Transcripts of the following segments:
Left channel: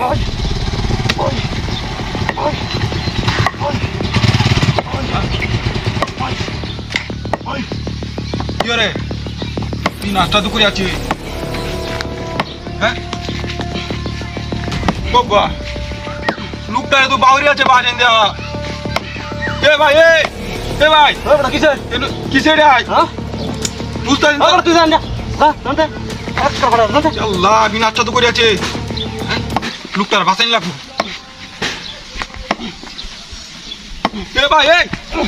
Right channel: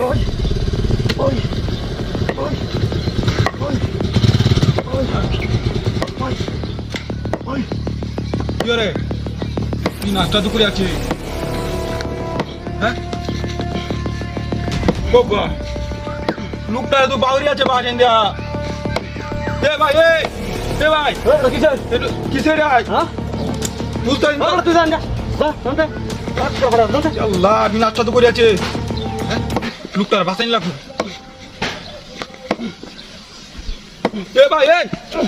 কি রে তুই নাস্তা তো করে আছিস হ্যাঁ বাবা লোকটা তো বাউরি আছে বাজেন দেয়া এ ভাই এ ভাই কিসের কিসের রে হ্যাঁ বুঝতে তুই জান যা আল্লাহ আমি নাস্তা তো করে আছে লোকটার বাসাইন লাগবে এ ভাই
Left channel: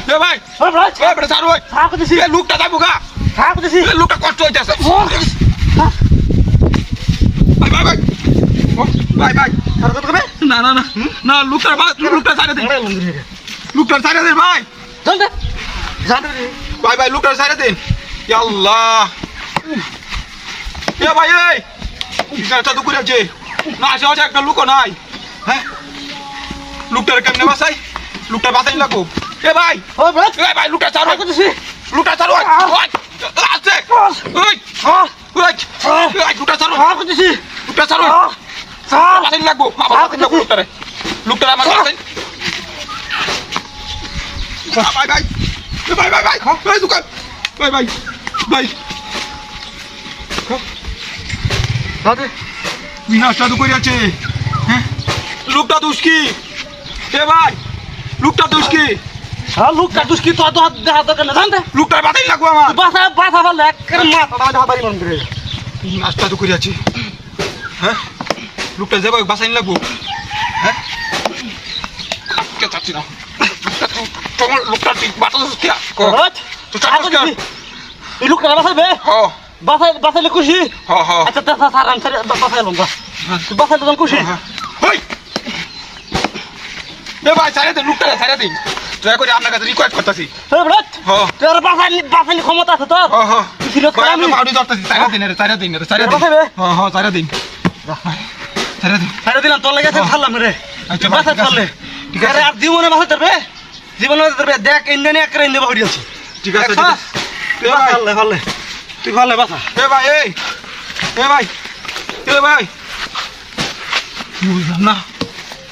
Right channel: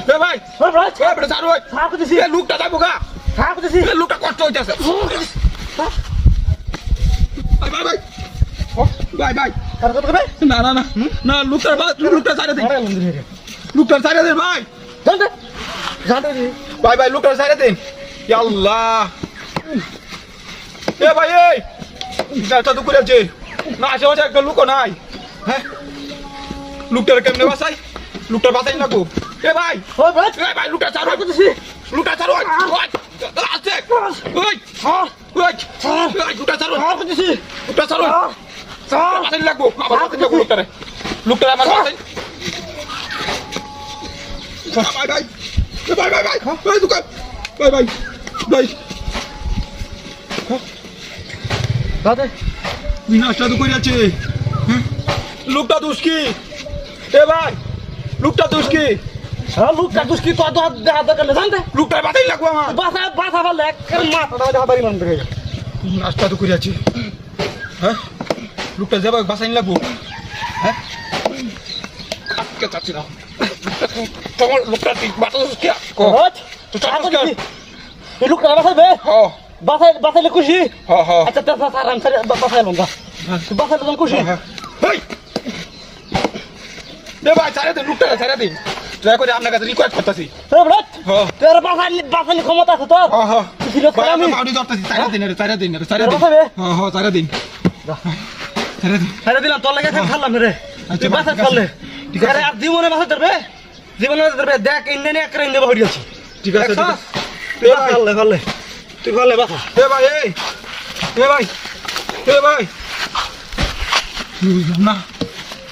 এ ভাই বড় সারু থাক দিছি এ লোকটা যাবো গা থাক দিছি এ লোকটা কষ্ট হইতাছে ভাই ভাই ভাই ও ভাই ভাই আর কত করবে না না না না লোকটা সাইরা দে লোকটা সাইরা দে ভাই জান দে ভাই ভাই লোকটা সাইরা দে ইয়া আল্লাহ এ ভাই এই নাস্তা তো করে আছে না আশেপাশে একটা লোকও নাই হ্যাঁ লোকটার কেমনে বাসাই লোকটা বাসাই লাগবো এ ভাই এ ভাই লোকটা চারো লোকটা চারো আছে ওই ওই লোকটা চারো লোকটা চারো বাসাই লাগবো আবার বাসাই লাগবো লোকটারে লোকটারে আমার বাসাই ভাই ভাই ভাই ভাই ভাই ভাই দোকান ভাই ভাই ভাই দাদা নাস্তা তো করে আছে হ্যাঁ লোকটা দুষ্কি এ ভাই লোকটা দুষ্কি হ্যাঁ লোকটা দুষ্কি তো দেখা দরকার না জানতে লোকটার বাতাই লাগবো আমার বাসা ভালো একেবারে মাথা দেখা বাড়ি মন করে নাস্তা তো করে আছে হ্যাঁ লোকটা যাবো বাসাই লাগবো হ্যাঁ কে চাচ্ছি না লোকটা ঠিক বাতা দুষ্কি তো চাচ্ছি এই লোকটা বাসাইবে হ্যাঁ বাসাইলে খুশি আচ্ছা স্যার আমি বাসাইলাম বাসাইলে তো খুশি ভাই সাইরা দিন লোকটা সাইরা দিন দয়া করে আপনার কাছে রিকোয়েস্ট করতেছি তোর বাসাইলে ক্ষমতা আছে তোর সাইরা দিন তোর লাগে ছাড়লাম রে বাসা চললে ঠিক আছে আর জীবনে বাসা ধরবে জীবনে ধরবে দেখ ইন্ডিয়ানে একটা ইন্ডিয়া হয়ে আছে ঠিক আছে ভালো তুই ভালো বাসা এ ভাই এ ভাই এ ভাই বুঝলাম না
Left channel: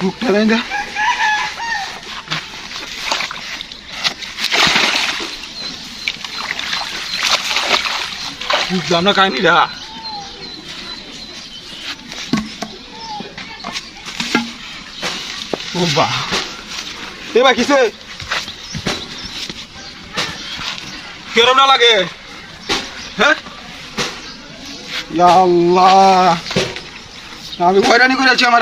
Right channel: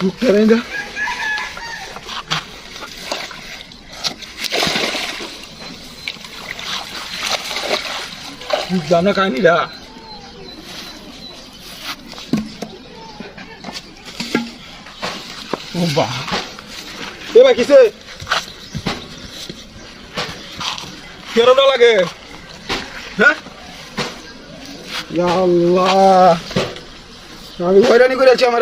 লোকটা দেন যা বুঝলাম না কাহিনিটা ও বা এ ভাই কিসে কেরোটা লাগে হ্যাঁ ইয়া আল্লাহ আমি হয়রানি করে আছি আমার